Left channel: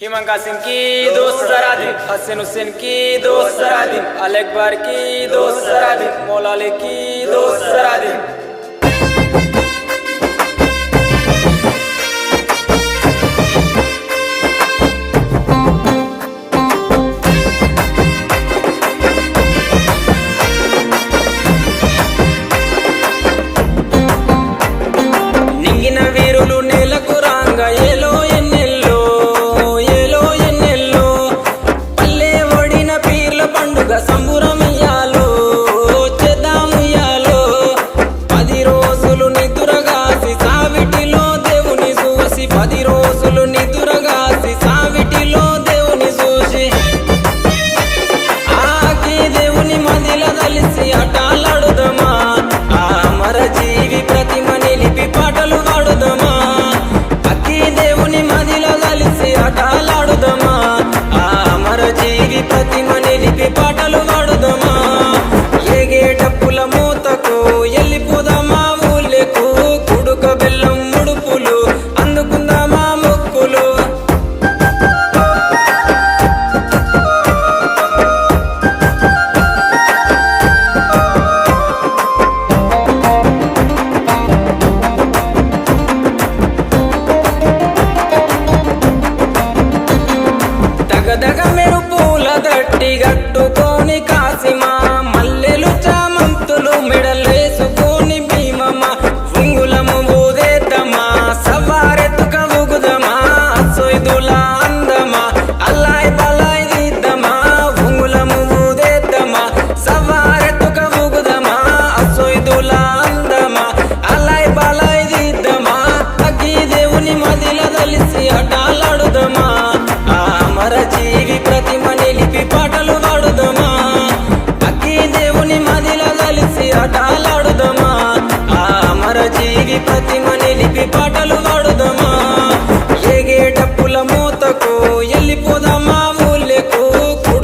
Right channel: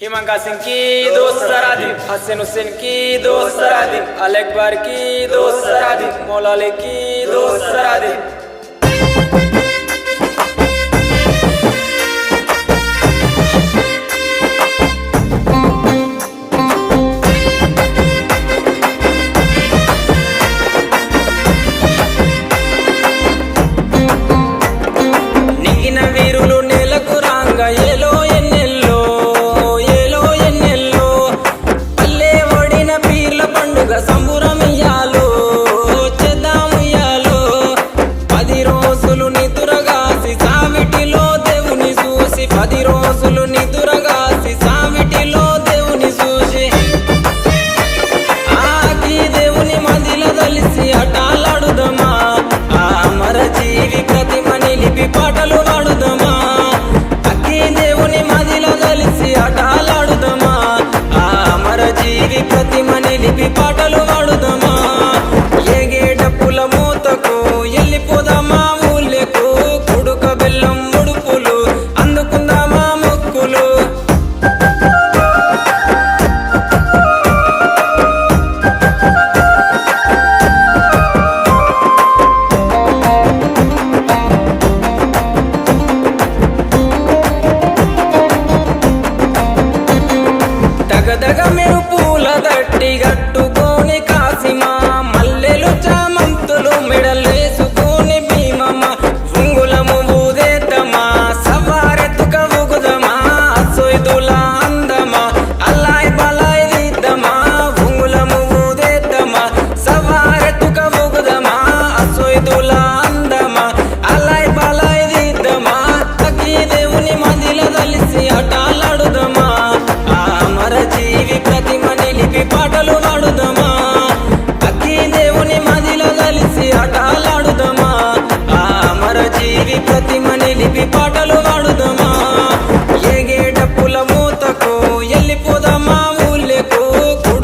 हिमंका सिंह की दोस्त सरादी, हसन हुसैन की दोस्त सरादी, अल अकबर की दोस्त सरादी, मौला अली की दोस्त सरादी। నింగిన వీరులు నేలకు రాంగ ఏలో ఎన్నెల్లో ఏలో ఎన్నెల్లో పల్లె ఒడిన పీర్ల పండుగ సంబురమియాలో చేద్దాముయాలో 10 రోజులు నిదురగాసి సావిటిలో దేవుని చూసి 10 రోజులు నిదురగాసి సావిటిలో దేవుని చూసి ఆకి దేవుని మదిల దలిసి అటాలాడుదమా ఆ అమర జీవి ప్రతిమ నిలిపి పాటలు పాడుదమా అక్కి దేవుని మదిల దలిసి అటాలాడుదమా ఆ అమర జీవి ప్రతిమ నిలిపి పాటలు పాడుదమా ఏగే డప్పుల మూతకు ఎల్లిపోదామా ఊళ్ళకు కుడుక బెల్లం ముడుపులు అందుకుందామా మొక్కులు దగదగ మెరుపుల దట్టి గట్టుకొని కాసిమా మల్లెలు చామంతులు మెడలేసుకొని భీమమ్మ ఉంగులము ఊదేద్దమా సవారెత్తుక ఊగుదమా అసొయ్దుల అందమా అల్లాయ్ బలాయ్ దిద్దమా ఉంగులము ఊదేద్దమా సవారెత్తుక ఊగుదమా అసొయ్దుల అందమా అల్లాయ్ బలాయ్ దిద్దమా అగ్గి దేవుని మదిల దలిసి అటాలాడుదమా ఆ అమర జీవి ప్రతిమ నిలిపి పాటలు పాడుదమా అక్కి దేవుని మదిల దలిసి అటాలాడుదమా ఆ అమర జీవి ప్రతిమ నిలిపి పాటలు పాడుదమా ఏగే డప్పుల మూతకు ఎల్లిపోదామా ఊళ్ళకు